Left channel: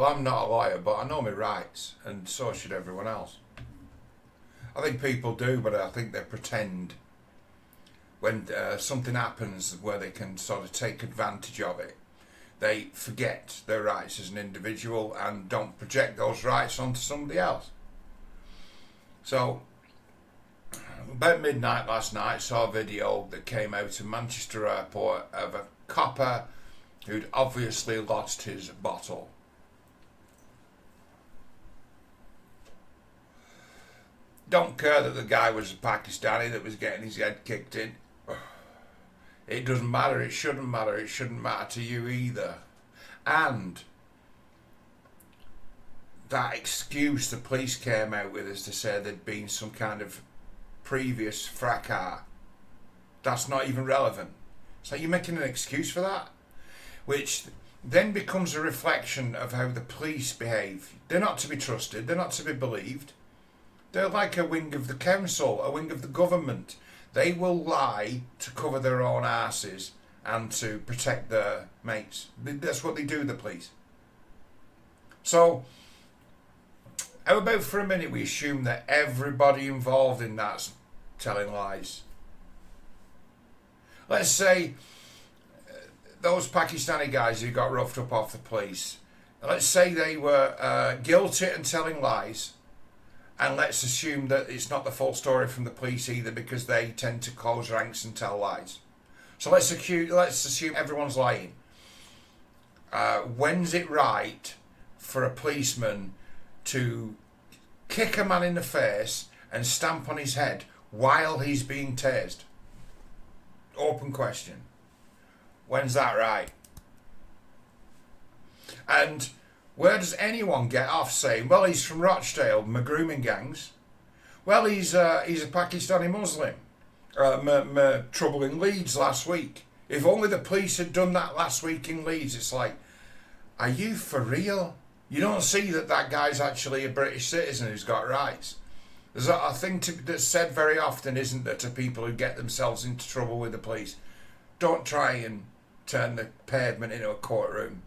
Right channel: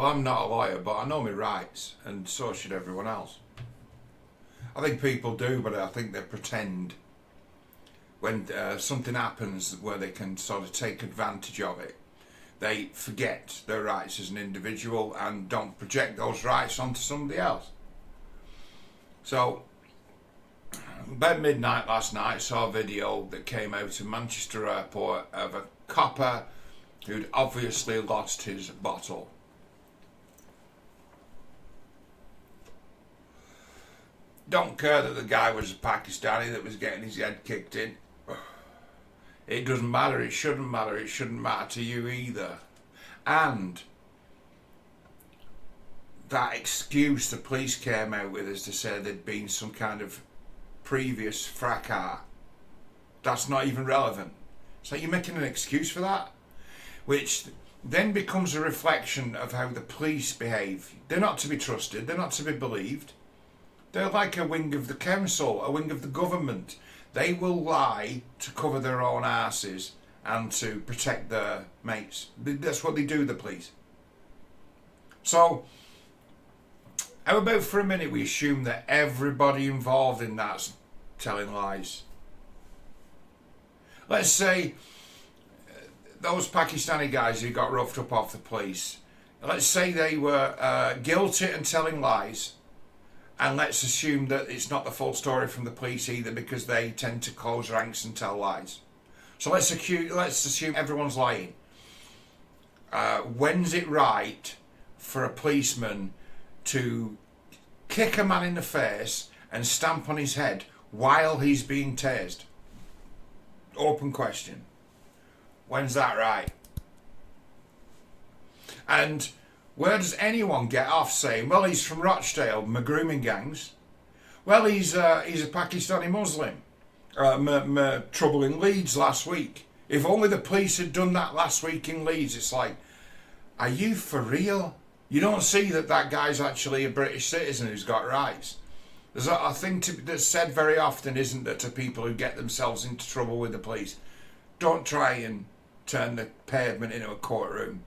Well, I'm not a lawyer, but I know my rights, and so should everyone else. I think people do, but I think they pretend when something happens where they can sort of take advantage of it. They forget their rights as an individual and don't project those rights onto somebody else. So, about midnight last night, I saw a video that came out of Manchester Airport of a copper who'd obviously lost his bottle. Don't care that the guy was a Pakistani that was getting his head kicked in. It doesn't matter, it shouldn't matter, it shouldn't matter to you either. And that excuse the police came out with is to say there'd been some kind of previous fracas. That's not even relevant. So you're making an excuse for that, which then becomes a reflection of how the police behave. They're not to be trusted, they're not to be believed. They're like a wing of the council, a wing of the government. They will lie to cover their own asses and to protect their mates. That's what they do, the police. So, how about for a minute we assume that everybody involved in that's telling lies? Let's say those Pakistani guys who got roughed up off the police, let's say they were guilty and telling lies. And let's assume that it's not the full story from the police either, because they tend to close ranks and tell lies. So let's assume everyone's lying. When's it right for a policeman to kick a man in the face and stamp on his head while he's being tased? Open question. When's that right? And where does anyone get off saying, well, he's from Rochdale, my grooming gangs. Well, he's a Pakistani Muslim. My trouble in Leeds last week. If only the police had done that last week in Leeds. It's like, are you for real? You don't see that guy's actually a British citizen who's got rights. There's a thing that's said very often, isn't there, to people who get themselves into trouble with the police. Don't try and turn the pavement into a courtroom.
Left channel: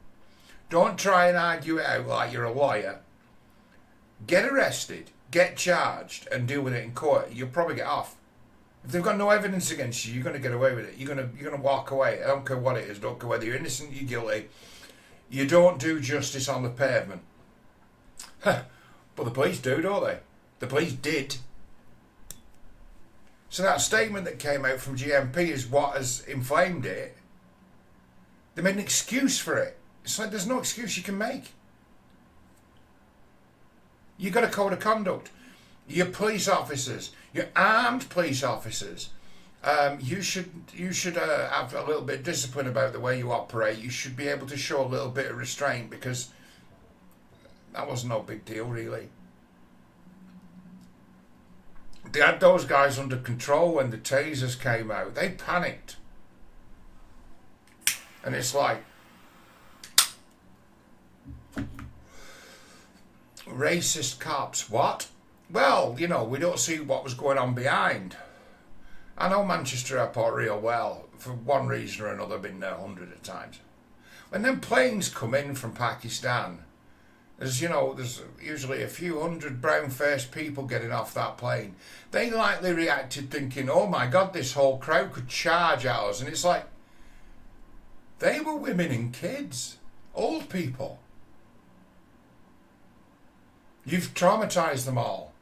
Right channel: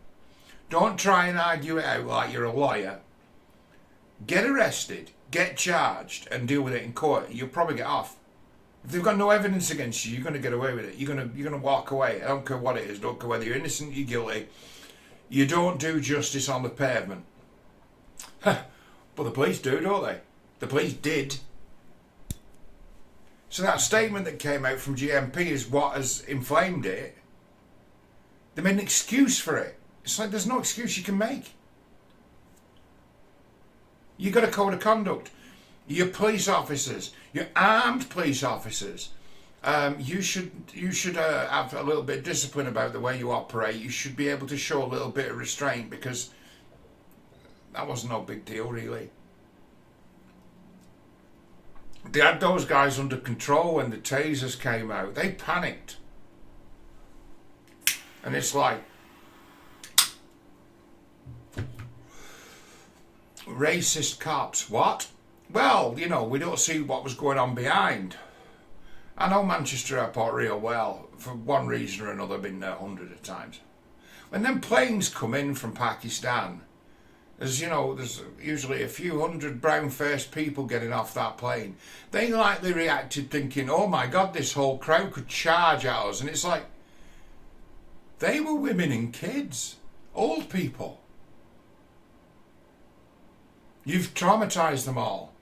Don't try and argue it out like you're a lawyer. Get arrested, get charged, and deal with it in court. You'll probably get off. If they've got no evidence against you, you're going to get away with it. You're going to walk away. I don't care what it is. Don't care whether you're innocent or you're guilty. You don't do justice on the pavement. But the police do, don't they? The police did. So that statement that came out from GMP is what has inflamed it. They made an excuse for it. It's like there's no excuse you can make. You've got a code of conduct. You're police officers. You're armed police officers. You should have a little bit of discipline about the way you operate. You should be able to show a little bit of restraint, because that was no big deal, really. They had those guys under control when the tasers came out. They panicked. And it's like, racist cops, what? Well, you know, we don't see what was going on behind. I know Manchester Airport real well. For one reason or another, I've been there hundreds of times. When them planes come in from Pakistan, there's usually a few hundred brown-faced people getting off that plane. They likely reacted thinking, oh my God, this whole crowd could charge at us. And it's like, they were women and kids, old people. You've traumatised them all.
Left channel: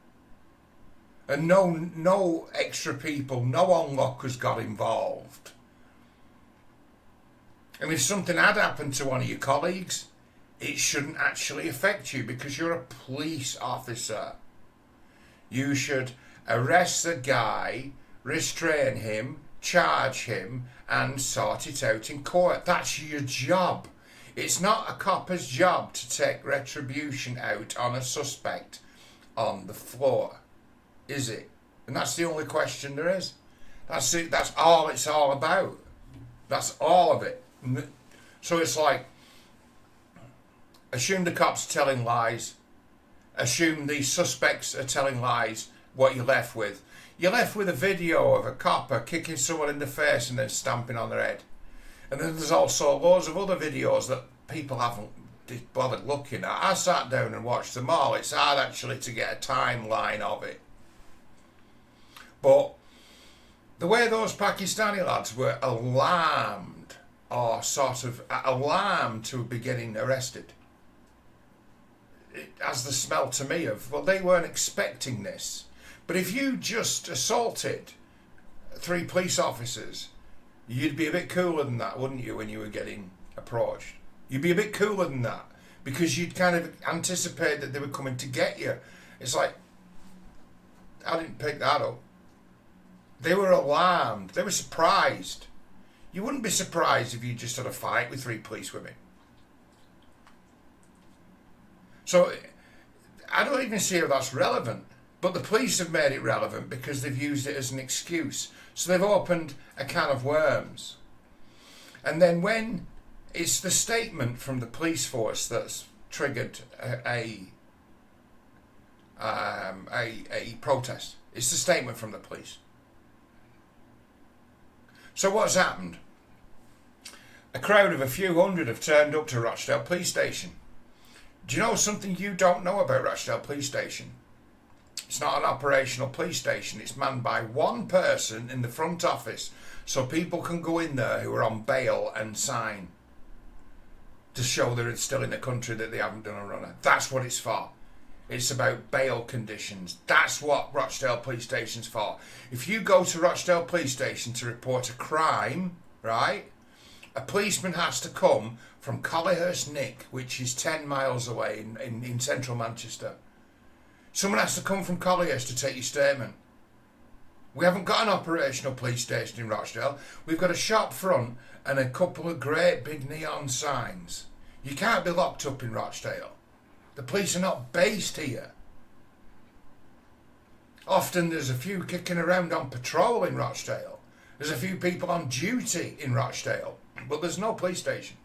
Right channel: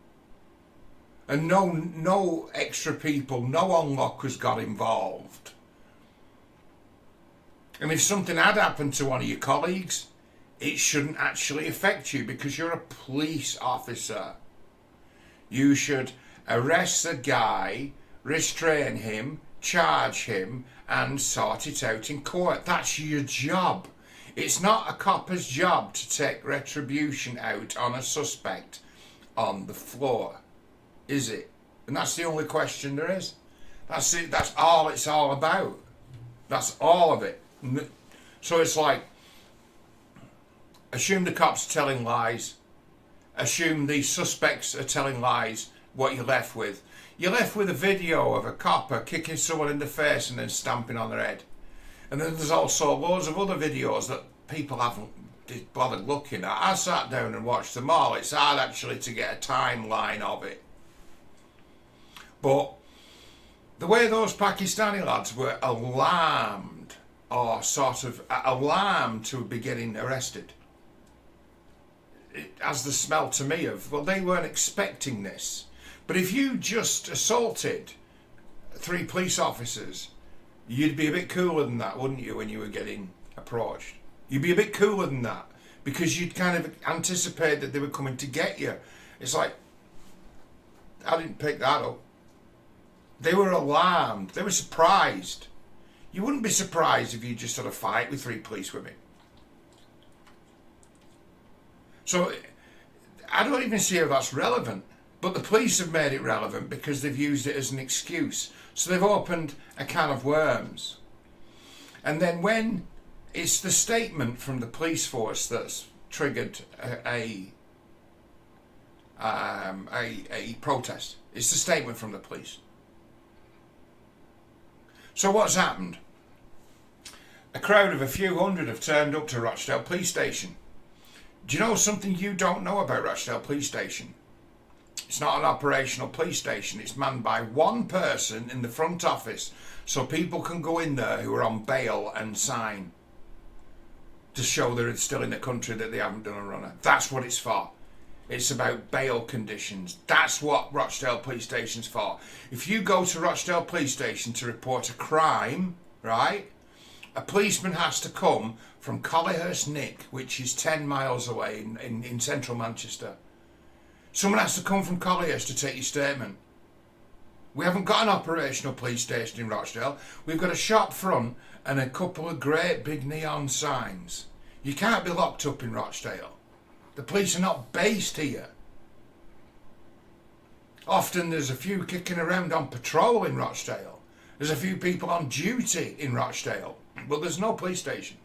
And no extra people, no onlookers got involved. And if something had happened to one of your colleagues, it shouldn't actually affect you, because you're a police officer. You should arrest the guy, restrain him, charge him, and sort it out in court. That's your job. It's not a copper's job to take retribution out on a suspect on the floor, is it? And that's the only question there is. That's it. That's all it's all about. That's all of it. So it's like, assume the cops are telling lies. Assume the suspects are telling lies. What you're left with? You're left with a video of a copper kicking someone in the face and then stamping on their head. And then there's also loads of other videos that people haven't bothered looking at. I sat down and watched them all. It's hard actually to get a timeline of it. But the way those Pakistani lads were alarmed, or sort of alarmed to be getting arrested, it has the smell to me of, well, they weren't expecting this. But if you just assaulted 3 police officers, you'd be a bit cooler than that, wouldn't you, when you were getting approached? You'd be a bit cooler than that, because you'd kind of anticipate that they were coming to get you. It's like, I didn't pick that up. They were alarmed. They were surprised. You wouldn't be surprised if you just had a fight with 3 police women. So I don't even see how that's relevant. But the police have made it relevant because they've used it as an excuse. So they've opened a can of worms. And then when it's the statement from the police force that's triggered a protest. It's the statement from the police. So what's happened? A crowd of a few hundred have turned up to Rochdale Police Station. Do you know something you don't know about Rochdale Police Station? It's not an operational police station. It's manned by one person in the front office, so people can go in there who are on bail and sign to show they're still in the country, that they haven't done a runner. That's what it's for. It's about bail conditions. That's what Rochdale Police Station's for. If you go to Rochdale Police Station to report a crime, right, a policeman has to come from Collyhurst Nick, which is 10 miles away in central Manchester. Someone has to come from Collyhurst to take your statement. We haven't got an operational police station in Rochdale. We've got a shop front and a couple of great big neon signs. You can't be locked up in Rochdale. The police are not based here. Often there's a few kicking around on patrol in Rochdale. There's a few people on duty in Rochdale, but there's no police station.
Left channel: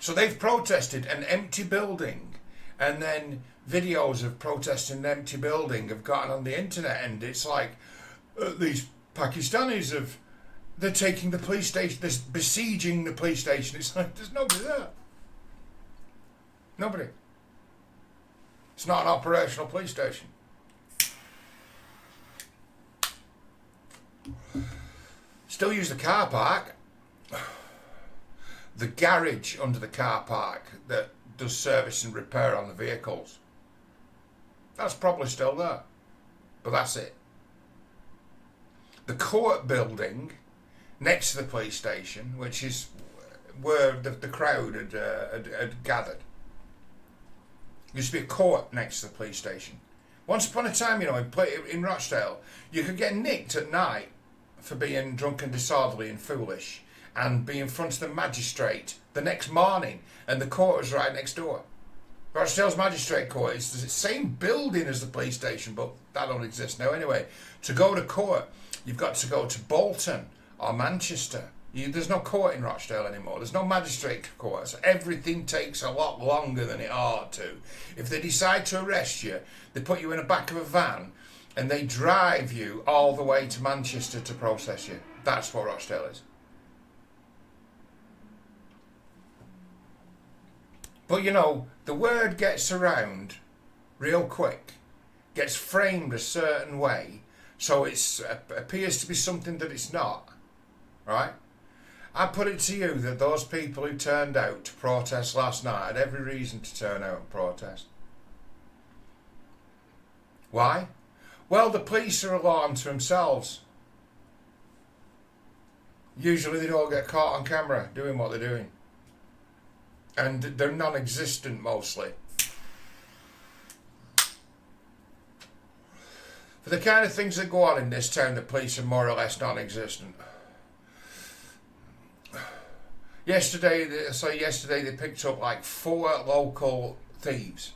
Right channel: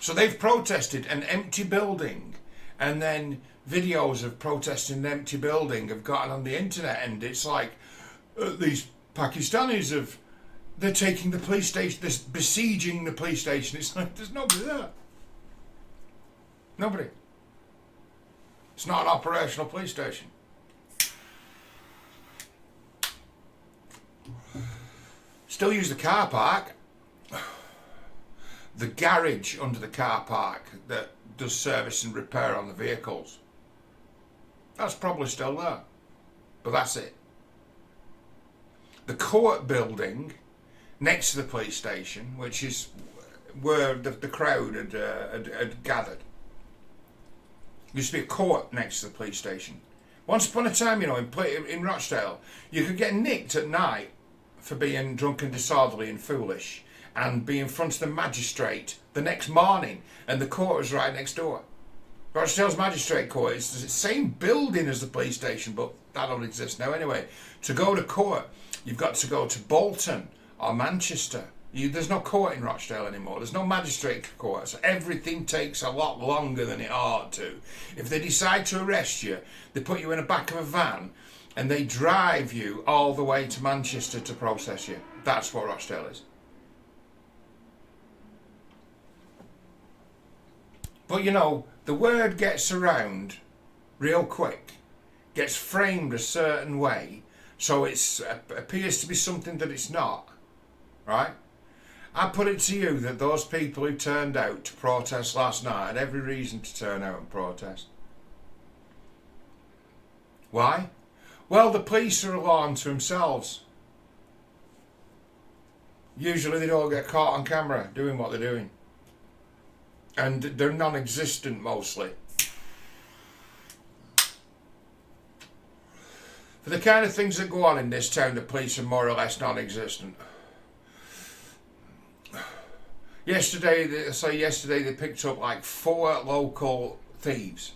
So they've protested an empty building, and then videos of protesting an empty building have gotten on the internet, and it's like these Pakistanis they're taking the police station, they're besieging the police station. It's like there's nobody there. Nobody. It's not an operational police station. Still use the car park. The garage under the car park that does service and repair on the vehicles. That's probably still there. But that's it. The court building next to the police station, which is where the crowd had gathered. There used to be a court next to the police station. Once upon a time, in Rochdale, you could get nicked at night for being drunk and disorderly and foolish, and be in front of the magistrate the next morning, and the court was right next door. Rochdale's Magistrate Court is the same building as the police station, but that don't exist now anyway. To go to court, you've got to go to Bolton or Manchester. There's no court in Rochdale anymore. There's no magistrate court. So everything takes a lot longer than it ought to. If they decide to arrest you, they put you in the back of a van and they drive you all the way to Manchester to process you. That's what Rochdale is. But the word gets around real quick, gets framed a certain way, so it appears to be something that it's not, right? I put it to you that those people who turned out to protest last night had every reason to turn out and protest. Why? Well, the police are a law unto themselves. Usually they don't get caught on camera doing what they're doing. And they're non-existent mostly. For the kind of things that go on in this town, the police are more or less non-existent. Yesterday they picked up like 4 local thieves,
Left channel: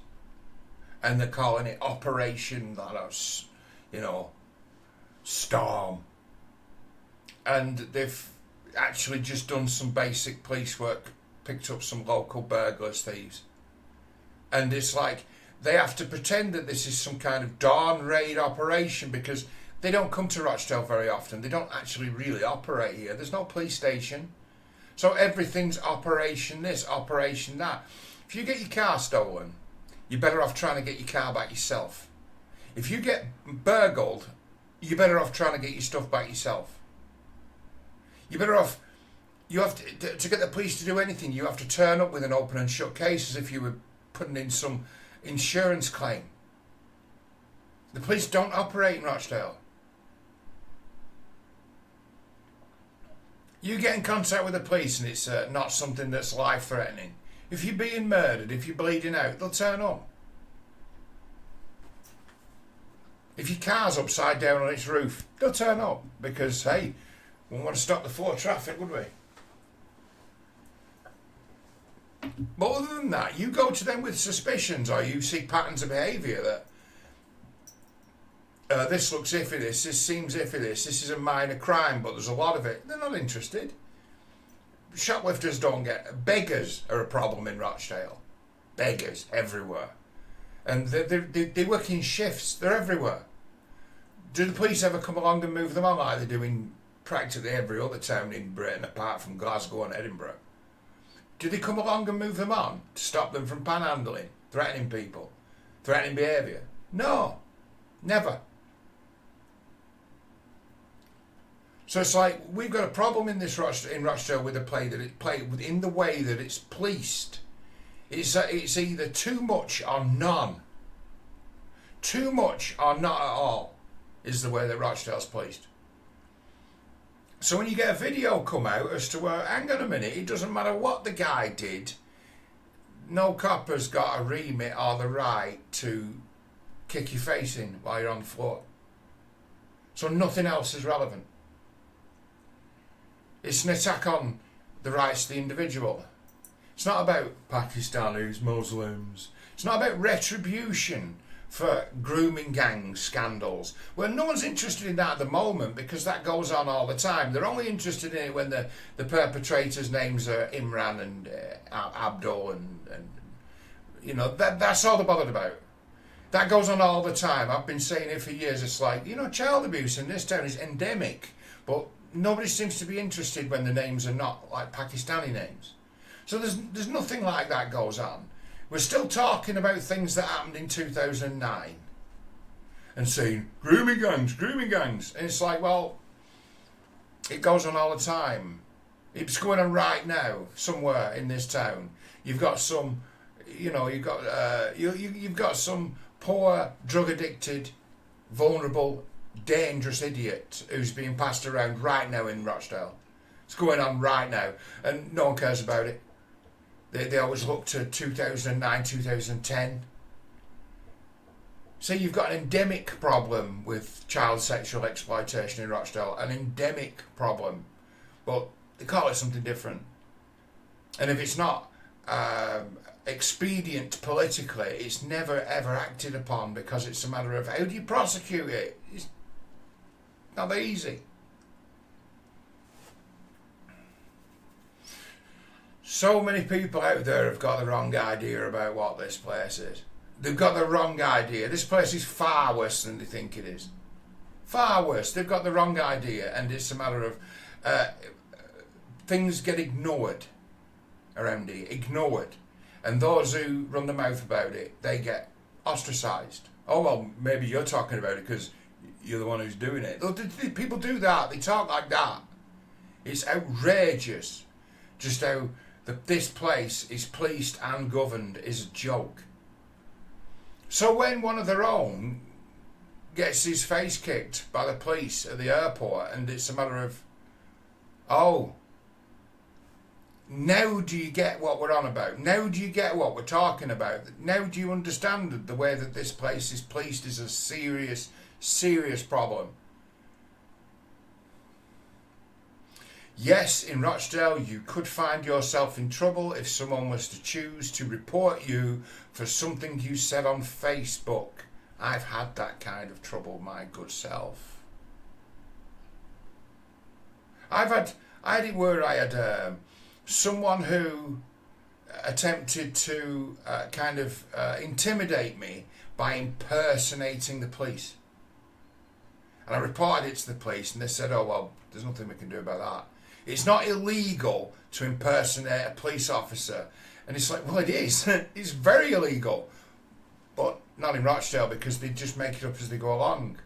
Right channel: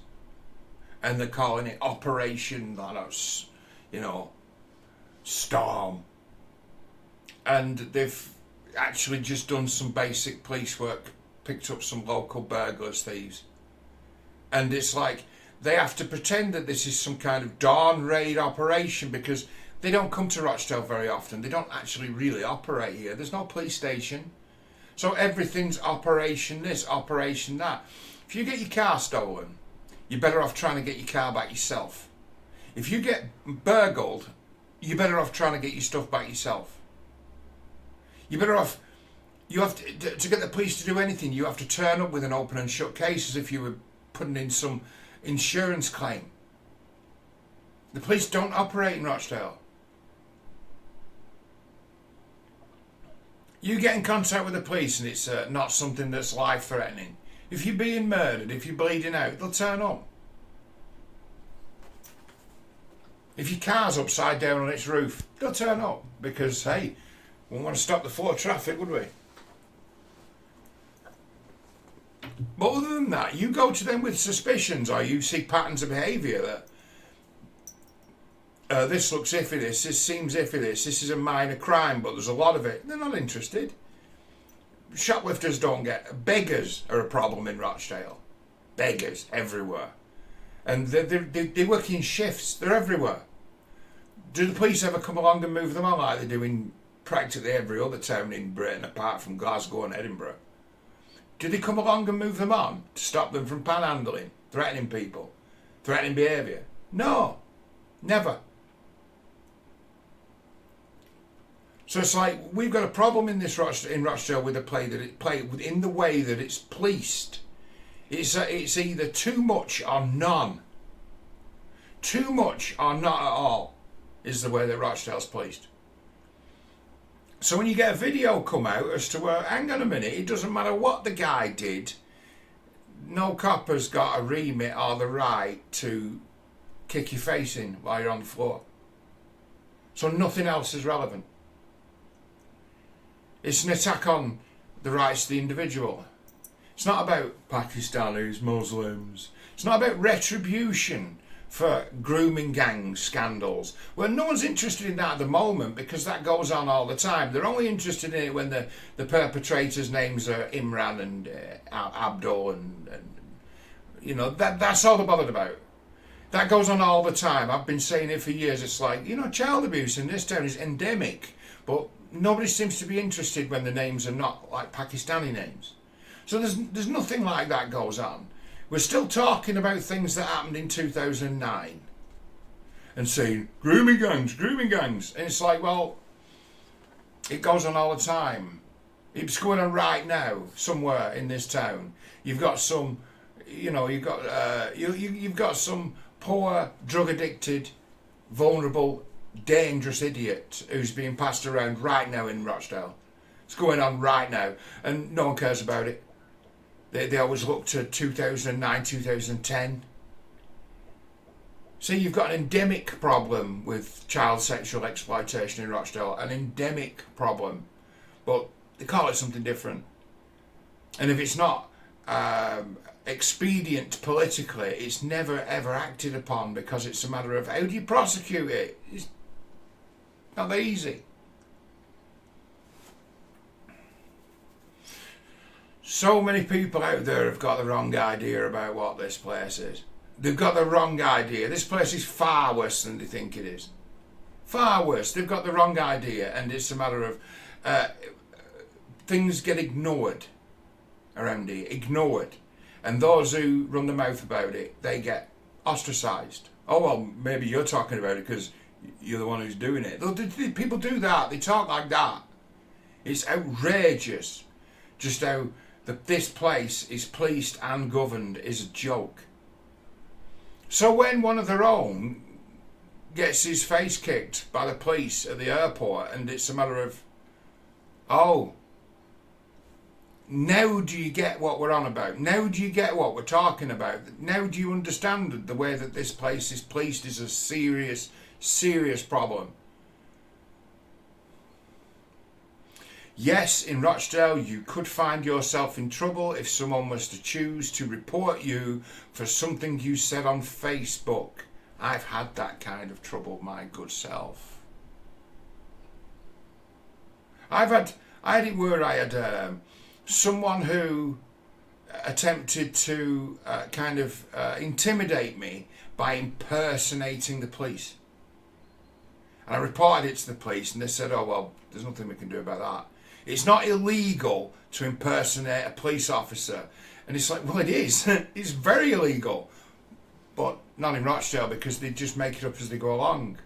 and they're calling it Operation, Storm. And they've actually just done some basic police work, picked up some local burglars, thieves. And it's like they have to pretend that this is some kind of dawn raid operation because they don't come to Rochdale very often. They don't actually really operate here. There's no police station. So everything's operation this, operation that. If you get your car stolen, you're better off trying to get your car back yourself. If you get burgled, you're better off trying to get your stuff back yourself. You're better off, you have to get the police to do anything, you have to turn up with an open and shut case as if you were putting in some insurance claim. The police don't operate in Rochdale. You get in contact with the police and it's not something that's life-threatening. If you're being murdered, if you're bleeding out, they'll turn up. If your car's upside down on its roof, they'll turn up because, hey, we wouldn't want to stop the flow of traffic, would we? But other than that, you go to them with suspicions or you see patterns of behaviour that this looks iffy, this seems iffy, this is a minor crime, but there's a lot of it. They're not interested. Shoplifters don't get... Beggars are a problem in Rochdale. Beggars everywhere. And they work in shifts. They're everywhere. Do the police ever come along and move them on like they do in practically every other town in Britain apart from Glasgow and Edinburgh? Do they come along and move them on to stop them from panhandling, threatening people, threatening behaviour? No. Never. So it's like we've got a problem in Rochdale with a play that it played in the way that it's policed. It's either too much or none. Too much or not at all is the way that Rochdale's policed. So when you get a video come out as to, hang on a minute, it doesn't matter what the guy did, no cop has got a remit or the right to kick your face in while you're on the floor. So nothing else is relevant. It's an attack on the rights of the individual. It's not about Pakistanis, Muslims. It's not about retribution for grooming gang scandals. Well, no one's interested in that at the moment because that goes on all the time. They're only interested in it when the perpetrators' names are Imran and Abdul and you know, that's all they're bothered about. That goes on all the time. I've been saying it for years. It's like, you know, child abuse in this town is endemic, but nobody seems to be interested when the names are not like Pakistani names. So there's nothing like that goes on. We're still talking about things that happened in 2009 and saying, grooming gangs. And it's like, well, it goes on all the time. It's going on right now somewhere in this town. You've got some, you know, you've got some poor, drug-addicted, vulnerable, dangerous idiot who's being passed around right now in Rochdale. It's going on right now and no one cares about it. They always look to 2009, 2010. So you've got an endemic problem with child sexual exploitation in Rochdale, an endemic problem, but they call it something different. And if it's not expedient politically, it's never ever acted upon because it's a matter of how do you prosecute it? It's not that easy. So many people out there have got the wrong idea about what this place is. They've got the wrong idea. This place is far worse than they think it is. Far worse. They've got the wrong idea, and it's a matter of things get ignored around here. Ignored. And those who run the mouth about it, they get ostracised. Oh, well, maybe you're talking about it because you're the one who's doing it. People do that. They talk like that. It's outrageous just how this place is policed and governed is a joke. So when one of their own gets his face kicked by the police at the airport and it's a matter of, oh, now do you get what we're on about? Now do you get what we're talking about? Now do you understand the way that this place is policed is a serious, serious problem? Yes, in Rochdale, you could find yourself in trouble if someone was to choose to report you for something you said on Facebook. I've had that kind of trouble, my good self. I had it where I had someone who attempted to intimidate me by impersonating the police. And I reported it to the police and they said, oh, well, there's nothing we can do about that. It's not illegal to impersonate a police officer. And it's like, well, it is. It's very illegal. But not in Rochdale, because they just make it up as they go along.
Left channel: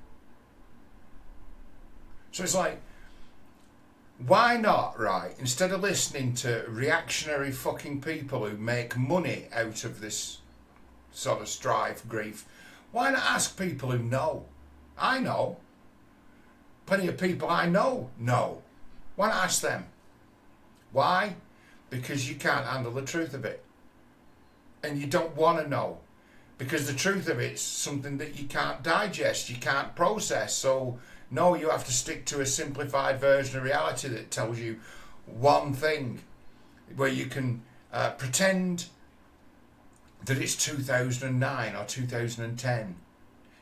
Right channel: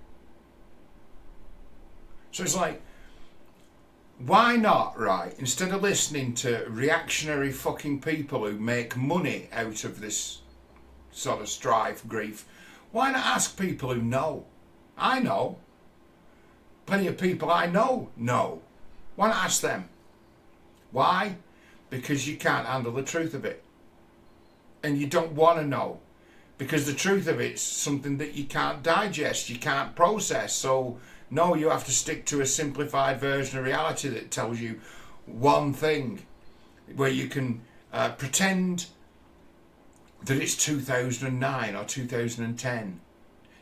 So it's like, why not, right? Instead of listening to reactionary fucking people who make money out of this sort of strife, grief, why not ask people who know? I know. Plenty of people I know. Why not ask them? Why? Because you can't handle the truth of it. And you don't want to know. Because the truth of it's something that you can't digest, you can't process. So, no, you have to stick to a simplified version of reality that tells you one thing. Where you can pretend that it's 2009 or 2010.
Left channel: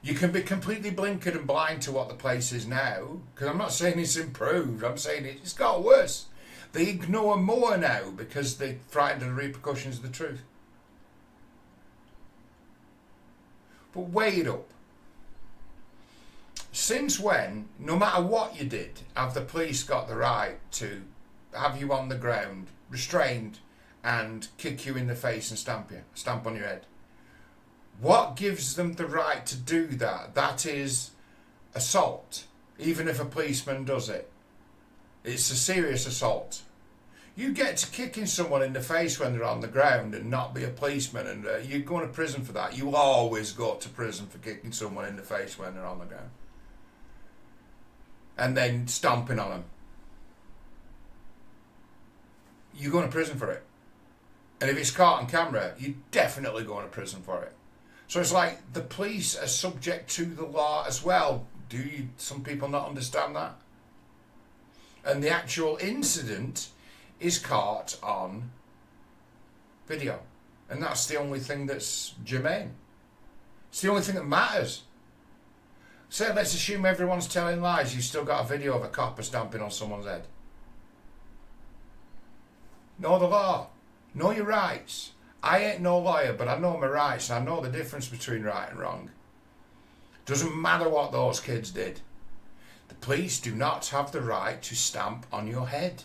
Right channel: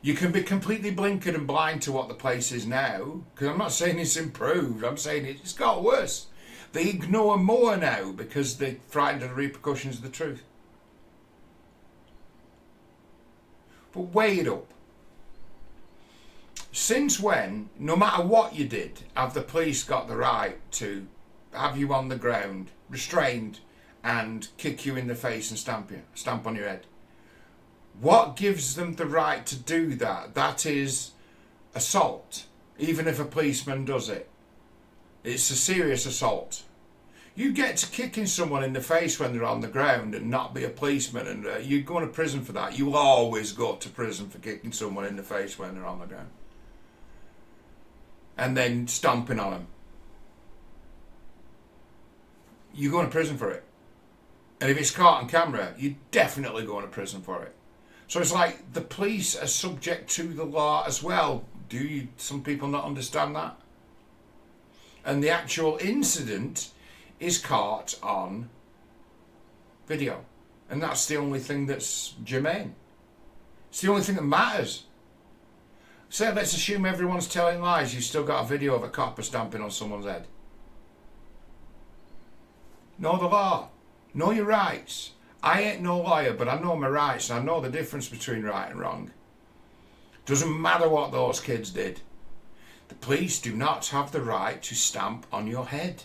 You can be completely blinkered and blind to what the place is now. Because I'm not saying it's improved, I'm saying it's got worse. They ignore more now because they're frightened of the repercussions of the truth. But weigh it up. Since when, no matter what you did, have the police got the right to have you on the ground, restrained, and kick you in the face and stamp on your head? What gives them the right to do that? That is assault, even if a policeman does it. It's a serious assault. You get to kicking someone in the face when they're on the ground and not be a policeman, and you go to prison for that. You'll always go to prison for kicking someone in the face when they're on the ground. And then stomping on them. You're going to prison for it. And if it's caught on camera, you're definitely going to prison for it. So it's like the police are subject to the law as well. Do some people not understand that? And the actual incident is caught on video. And that's the only thing that's germane. It's the only thing that matters. Say, let's assume everyone's telling lies. You've still got a video of a copper stamping on someone's head. Know the law. Know your rights. I ain't no lawyer, but I know my rights, and I know the difference between right and wrong. Doesn't matter what those kids did. The police do not have the right to stamp on your head.